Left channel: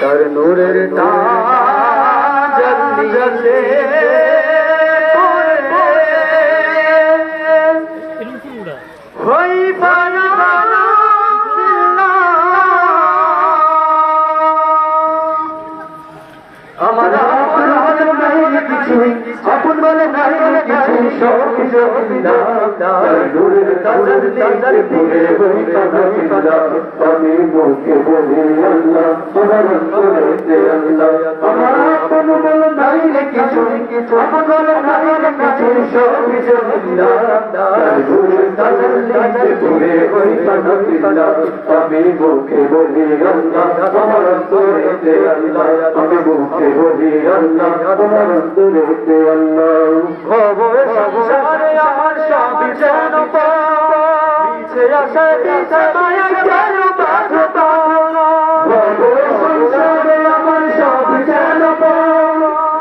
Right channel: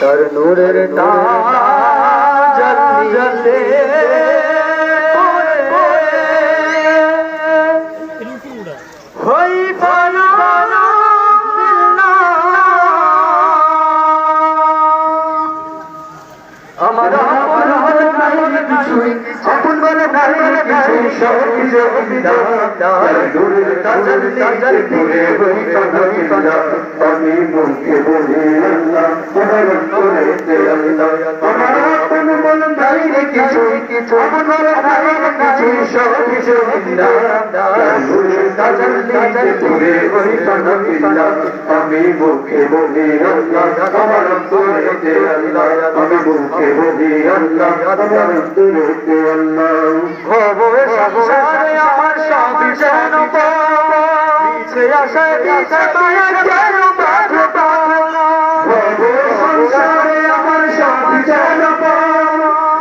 তার নূরের তাজ জলে হই আমার আপন বলে নাই কিছু সব কিছু দূরের কাজের কাজের পুরে হই আমি মুখে বলি আল্লাহ তোমার করে আল্লাহ আমার আপন বলে নাই কিছু আপন বলে নাই কিছু সব কিছু দূরের কাজের কাজের পুরে হই আমি মুখে বলি আল্লাহ তোমার করে আল্লাহ আমি মুখে বলি আল্লাহ তোমার করে আল্লাহ ভবে সংসারে আমার সব যেন পিছে আসে পিছে মায়া যেন ভবে সংসারে আমার সব যেন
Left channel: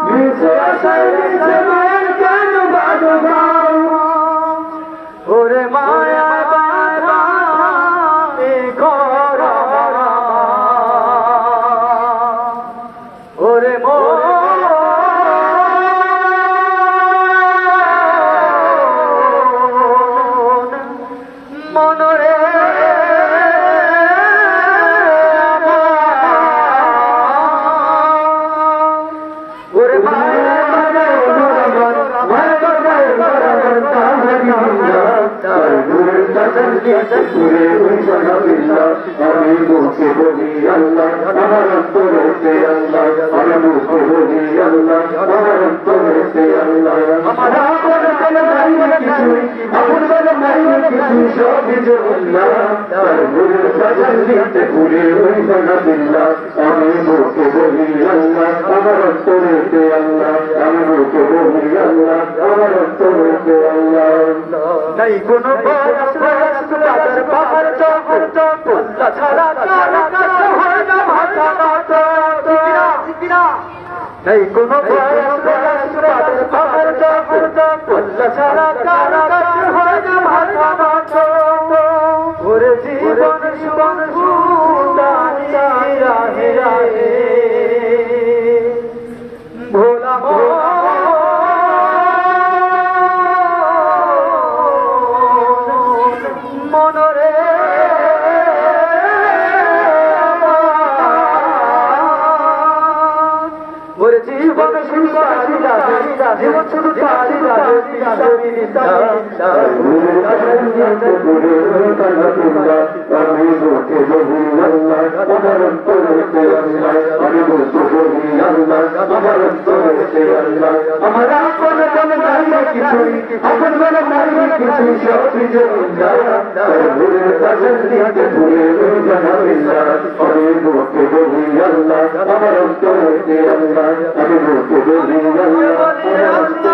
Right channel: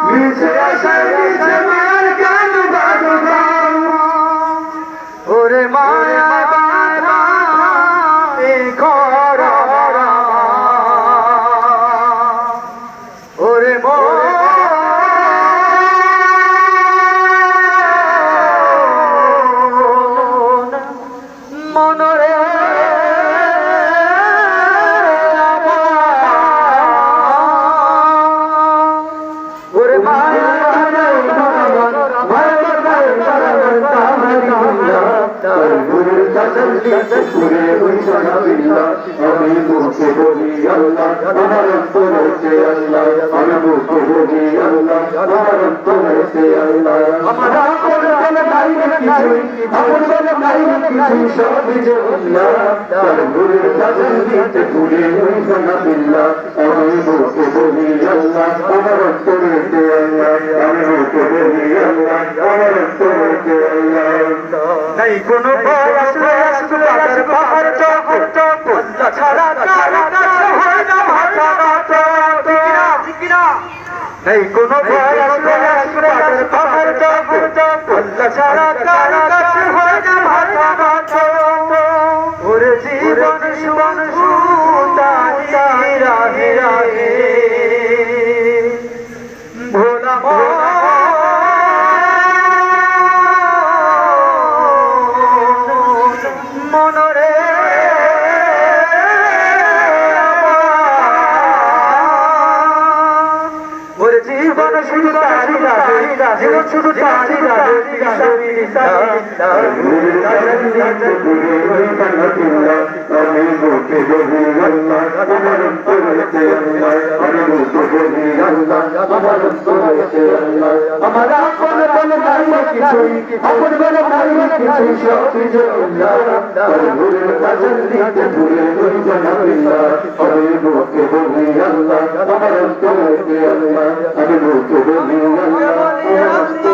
পিছে আসে পিছে মায়া কেন ওরে মায়া বাবা এই ঘর ওরে মনরে ওরে মায়া পুরে আমি মুখে বলি আল্লাহ আমার করেছে আল্লাহ আমি মুখে বলি আল্লাহ আমার করেছে আল্লাহ আমার আপন বলে নাই কিছু আপন বলে নাই কিছু সব কিছু আল্লাহ তার নূরের কাজল দিতে পুরে হই বিল্লাহ আমি মুখে বলি আল্লাহ আমার করেছে আল্লাহ আমি মুখে বলি আল্লাহ আমার করেছে আল্লাহ নাই কোনো পাহাড় ছাড়া হয় না মাথা নেই কোনো পাহাড় ছাড়া হয় না মাথা ওরে জীবন জীবন রাহে রাহে ভোলা মনরে ওরে জীবন শুরু জীবন শুরু আমি মুখে বলি আল্লাহ আমার করেছে আল্লাহ আমি মুখে বলি আল্লাহ আমার করেছে আল্লাহ আমার আপন বলে নাই কিছু আপন বলে নাই কিছু সব কিছু আল্লাহ নূরের কাজল দিতে পুরে হই বিল্লাহ আমি মুখে বলি আল্লাহ আমার করেছে আল্লাহ আমি মুখে বলি আল্লাহ